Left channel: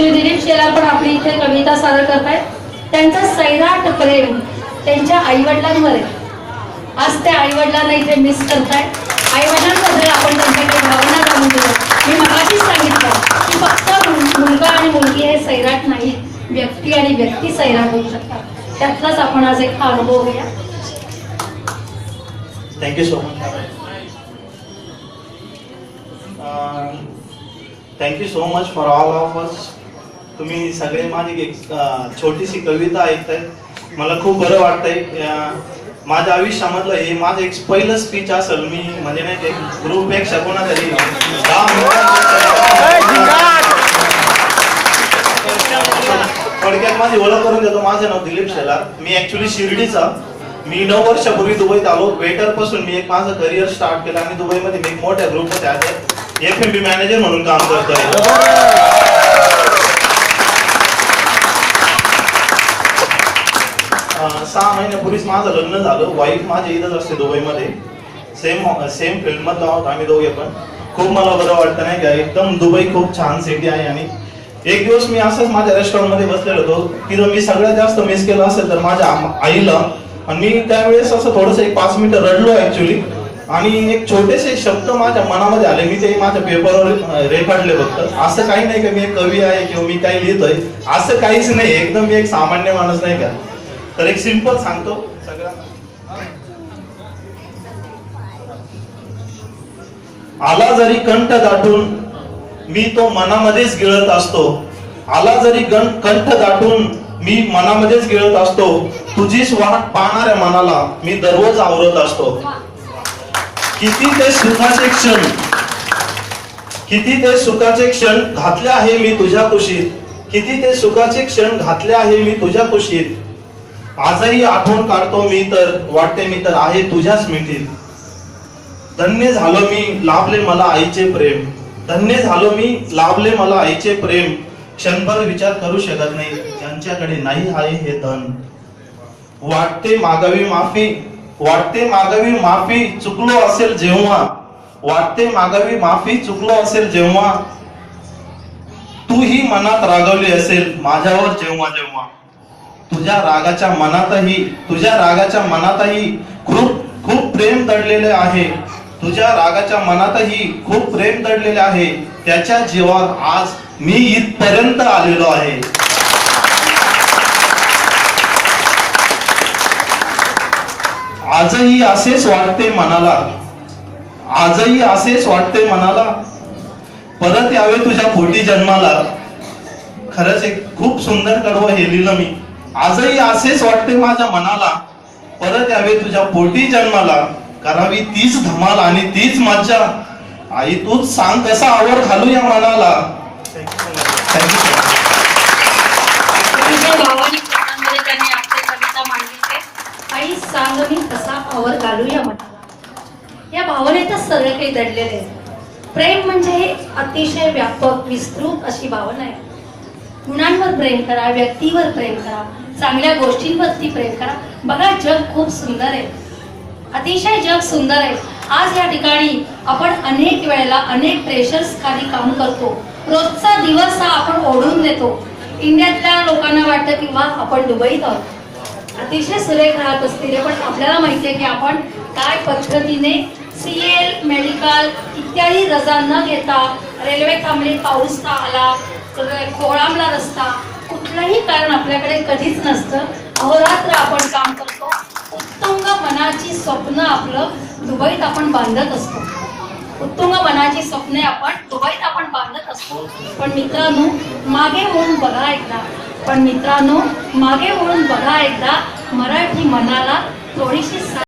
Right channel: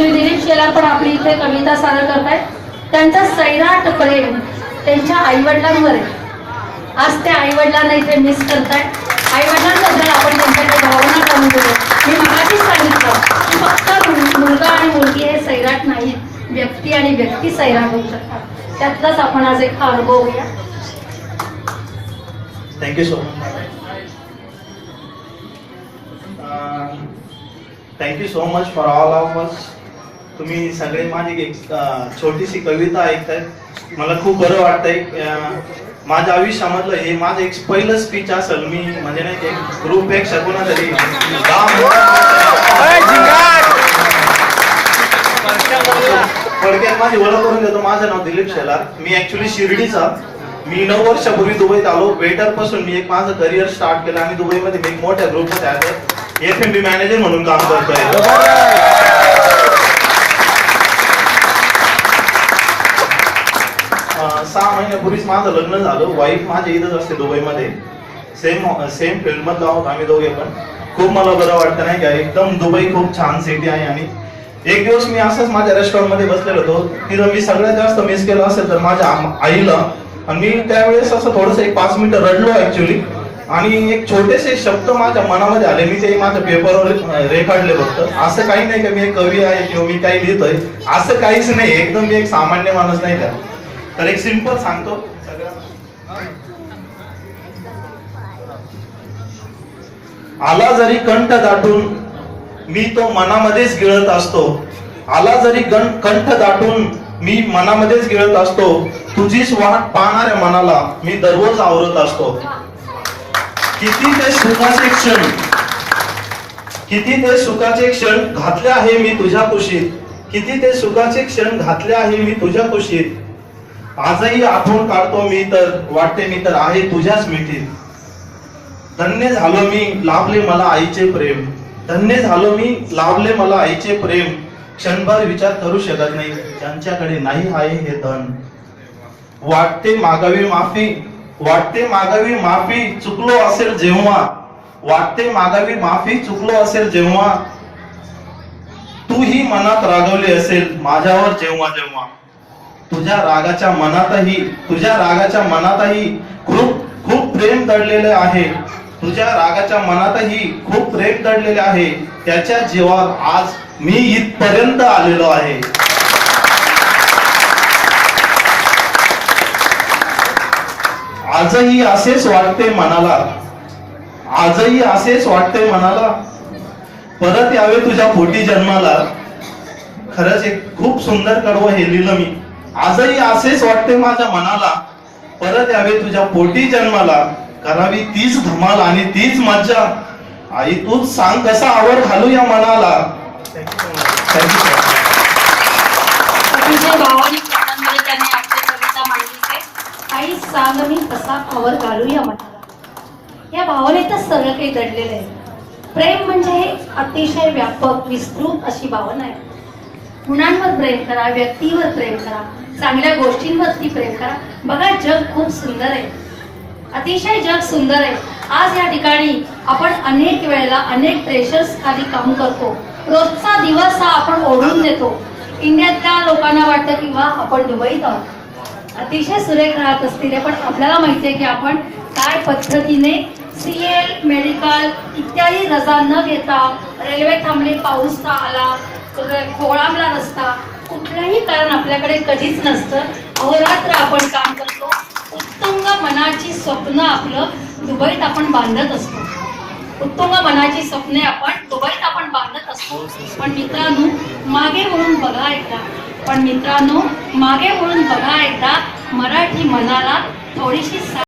श्री दिलीप शेलार पण आपली इथे कविता सादर करतायत. त्यांचा सैराट प्रेम त्यांच्या आईवडिलांवर आहे. आज त्या आईवडिलांना इथे मिस करताय. आईवडिलांबद्दल आपण त्यांच्याकडे भावना जाणून घेऊ. मी मगाशीच सांगितलं की फक्त मुलगा आणि मुलगी हे सैराट नाही, व्यक्ती आणि व्यक्ती सैराट होऊ शकतात. त्यातलाच आपण आज एक अनुभव घेऊया. Thank you so much. Thank you so much for all of us. तुम्ही सगळे माझी एक छोटीशी कविता ऐकताय. मला खूप बरं वाटतंय. माझ्या आयुष्यामधलं हे माझं एक पहिलं स्पीच असेल. मी म्हणजे नाही की ग्रुपपेक्षा कोणातरी थोडक्यात माझी ओळख करून देतो. माझं नाव दिलीप शेलार. मी ऍक्च्युली शिर्डीचा. मी 9 वर्षापूर्वी दुबईत आलो. वेटर पासून मी एक माझं करिअर स्टार्ट केलं आणि दुबईमध्ये मी एक मोठ्या ग्रुपमध्ये FMB मॅनेजर म्हणून काम करतोय. 6 महिन्यापूर्वीच माझं लग्न झालं. वाईफ माझी इथंच असते दुबईमध्ये. सेम फील्ड मधला आहोत आम्ही दोघे पण. खूप मला बरं वाटतं नाही का. एकदम दुबई खूप छान सिटी आहे. आणि एक दिवस मी असंच माझ्या रेस्टॉरंट मध्ये बसलेलो होतो. तिथं मी सगळ्यात जास्त मिस केलं असेल तर माझ्या आईला. आणि मी त्यावेळेस असं थोडस एक 5 मिनिटं रडलो ऍक्च्युली. आणि एक छोटेसे शब्द माझ्या मनामध्ये आले. मी ते माझ्या पेपरवर रेखाटले फक्त. असं काही नाही का मी एक कवी आहे किंवा मी काही लिहितोय, असं काहीच नाही. एकदम मी एक सामान्य माणूस नाही का. तर एक सिंपल सांगतो आला जरी कंठ दाटून मी तो मनामध्येच गिळत असतो. आला जरी कंठ दाटून मी मनामध्येच गिळत असतो. तुझीच वाट पाहणाऱ्या मनाला मी दररोज आवरत असतो. किती ते सुखाचे क्षण घातले आहे मी तुझ्या कुशीत. किती ते सुखाचे क्षण घातले आहे मी तुझ्या कुशीत. आजही आठवण काढतो मी तर वाटते मी तर आहे तुझ्याच मिठीत. धन्य झालो मी लाभले मला आईचे प्रेम. धन्य झालो मी लाभले मला आईचे प्रेम. क्षणभर विचार करू शकत नाही ज्यांच्याकडे नाही आहे हे धन. वाटते मागावी माफी चुकलो असेल जेव्हा. वाटते मागावी माफी चुकलो असेल जेव्हा. तूही मनात रागवली असेल माझ्यावर जेव्हा जेव्हा. तुझ्या रागाच्या मनातही खूप प्रेम दडलेले आहे. तुझ्या रागाच्या मनातही खूप प्रेम दडलेले आहे. त्याच्या जीवावर आज मी इथपर्यंत आलेलो आहे. आजही असेच वाटते मनाला. परत यावे तुझ्या पोटी जन्माला. खरंच एक खूप सुंदर कडवं हे लिहिलं मी. आजही असेच वाटते माझ्या मनाला. परत यावे तुझ्या पोटी जन्माला. करावी तीच धमाल आणि तीच मज्जा. आई तूच सांग कसा आवर घालू या मनाला. त्यांनी आपली कविता मांडली. आई सांग मी कसा आवर घालू या मनाला. या भावनेतच सगळं काही दडलेलं आहे. प्रेम म्हणजे हे अतिशय व्यापक विस्तृत अशी भावना आहे. गुणांवर प्रेम करा, व्यक्तीवर प्रेम करा, चांगल्या गोष्टींवरती प्रेम करा. बघा जग खूप सुंदर आहे. अतिशय जग सुंदर आहे. आज या ठिकाणी आपण अनेक वेळेला अनेक प्रेशर्स खाली काम करतो. रोजचा दिवस हा आपण ओढून देतो. इंडियातल्या लोकांना वाटतं की वा आपण दुबईत आहोत, अतिशय सुरेख राहत असतील. पण आपल्याला माहितीये की आपण काय पद्धतीने CL मेडिकल इत्यादी रजा न घेता, रेल्वे थांबली, पाऊस का आला, खोळांबला रस्ता, कुठलंही कारण आपल्याकडे कधीच नसतं. अहोरात्र आपण काम करतो. उत्तुंग मनाची स्वप्न आपलं दुबईत आपण बांधत असतो. उत्तुंग मनाची स्वप्ने आपण दुबईत आपण बांधत असतो. पण मित्रांनो मागे वळून बघा एकदा. मराठी मनाला थोडीशी